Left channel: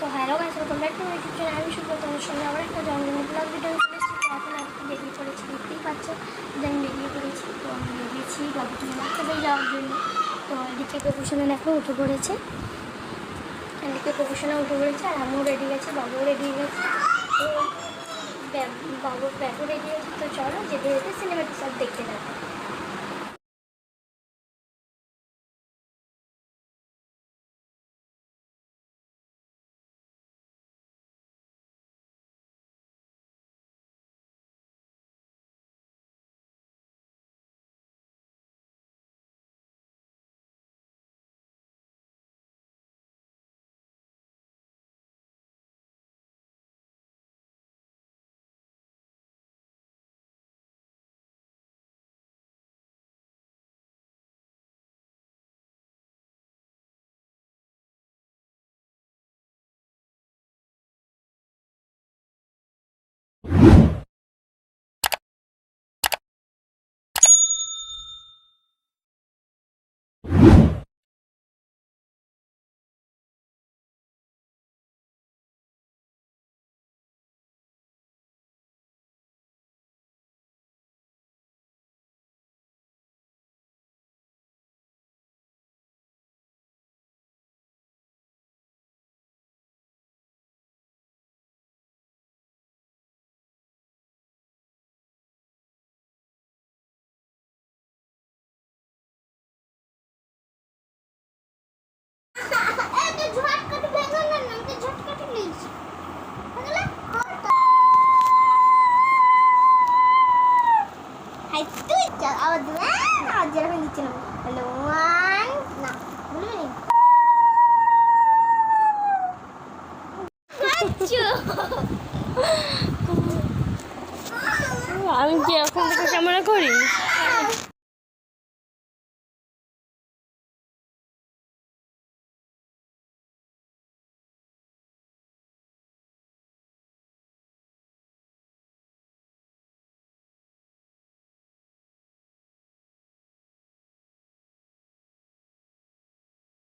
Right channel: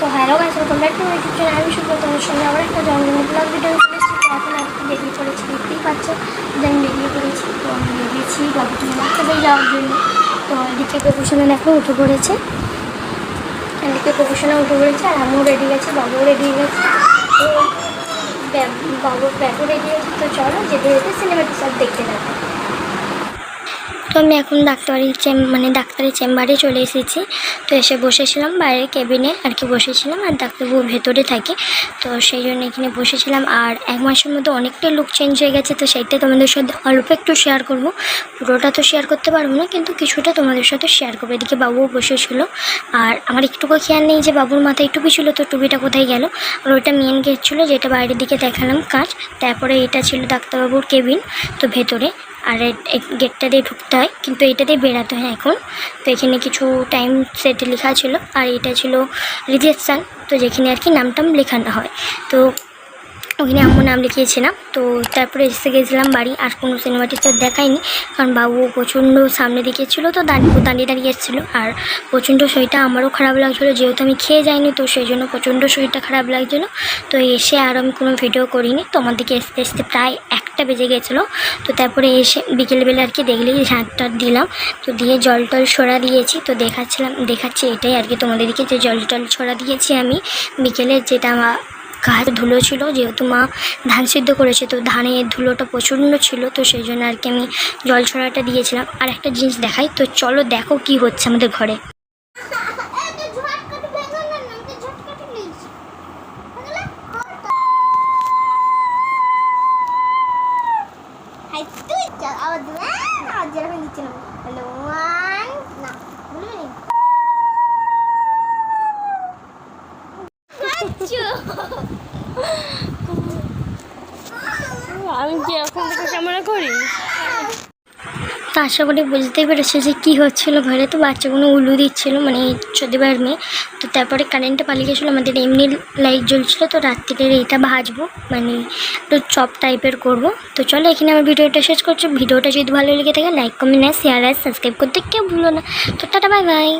তো hello guys, welcome back to my YouTube channel. আমি শুভ তোমাদের সঙ্গে আবার একটা জন্মদিনের ব্লগ ভিডিও চলে এসেছি। তো এখন একটু বেরিয়ে পড়েছি, দেখতেই পাচ্ছ যে আমি বেরিয়ে পড়েছি। তো আমি বেরিয়েছি বাবুকে বাচ্চাদের যাওয়ার জন্য। তো এদিকে প্রফেশনে এখন উঠে পড়েছে, এদিকে প্রফেশনে উঠে পড়েছে, আর আমিও রেডি গেছি, বাবুও রেডি গেছে। তো বাবুর ব্যাগও রেডি গেছে। তো চলো যেতে যেতে সিনেমাটি সব দেখতে থাকো। তো আমি এখন ডাক্তারের চেম্বারে চলে এসেছি। তো এসে বসেছিলাম বাইরের কেবিনে আর কি বসেছিলাম, আর ডাক্তারবাবু ভেতরে থাকে। তো সেই জন্য এখানে বসেছিলাম। আর 1 মাসের মধ্যে অনেকটা লুক চেঞ্জ হয়ে গেছে। তো সেইটা তোমাদের সাথে অল্প একটু শেয়ার করব, পুরোটা তো শেয়ার করতে পারবো না, কিন্তু কিছুটা তোমাদের সাথে শেয়ার করবো। এদিকে বাবুও বসেছিল, আর আমার একটুকু খেয়াল নেই যে বাবুর মাথায় টুপি ছিল, তো টুপিটা কোথায় গেল। আর ওইটা মেন গেট ছিল, যেটা বাইরের দিকে দেখালাম কাজ। তারপরে এটা ছিল ডাক্তারবাবুর কেবিন, তো ভেতরে। আর গেটটা দিয়ে ঢুকতে হয়, কিন্তু এটা দিয়ে বেরাতে হয় এখন। তো এখানে কিছু টাইম সেটে লেখা ছিল, আর এটা ছিল রিসেপশান, তো যেখানে আর কি নামটাম লেখানো হয়। তো ওখানে আমার নাম লিখিয়েছিলাম। তো তারপরে এসে গেছিলাম বাড়ি। আর কোনো সিনেমাটি তো দেখায়নি, কারণ বাবু প্রচণ্ড সামনে দিকে ছিল, তো দাঁড়িয়ে দাঁড়িয়ে এসেছিলো। আর প্রচণ্ড শরীরটা আমারও খারাপ লাগছিলো, যেহেতু আমি খেয়ে যাইনি, তো সেই জন্য প্রচণ্ড শরীরটা খারাপ লাগছিলো। তো এসে আর আমি কোনো ভিডিও করিনি। তো আমার দিকে আসতে আসতে প্রায় 1টা বেজে গেছিলো। তো তারপরে এসে বিকেলবেলা আর কি দেখলেই ঝাঁটটা দিলাম, তো দিয়ে জল টল ছড়া দিয়েছি। তো দেখাচ্ছি এটাই আর কি তোমাদেরকে, যে জল টল ছড়া দিয়েছি আমি বিকেলে। যেটা আমার গায়ে ধুলো ছিল, যেহেতু মা ধান সিদ্ধ করেছে, তো ধানের ধুলোটা প্রচণ্ড ছিল, তো সেই জন্য আর কি আমি জল ছড়াটা দিয়েছিলাম। আর একটা জিনিস দেখাই, তো চলো দেখো কি হচ্ছে আমাদের ঘরে। আমি কি এখন থেকে ক্যামেরা করি? তো আশা করি বুঝতেই পেরেছে যে কী হচ্ছিলো ঘরে। তো বাচ্চাগুলো উলু দিচ্ছিলো, মানে চোদ্দবার মেয়ে। তো তারপরে কারেন্টটা পালিয়ে গেছিলো, আমাদের এমনি লাইট জ্বলছিলো। তো রাত্রিরে এইটা ভাজবো, মানে একটু চপ টাইপের করব। তো চলো এখানে আমার ভিডিওটা শেষ করছি। ভিডিওটা যদি ভালো লেগে থাকে লাইক, কমেন্ট, শেয়ার আর সাবস্ক্রাইব করতে কেউ ভুলো না। তো টাটা, বাই বাই।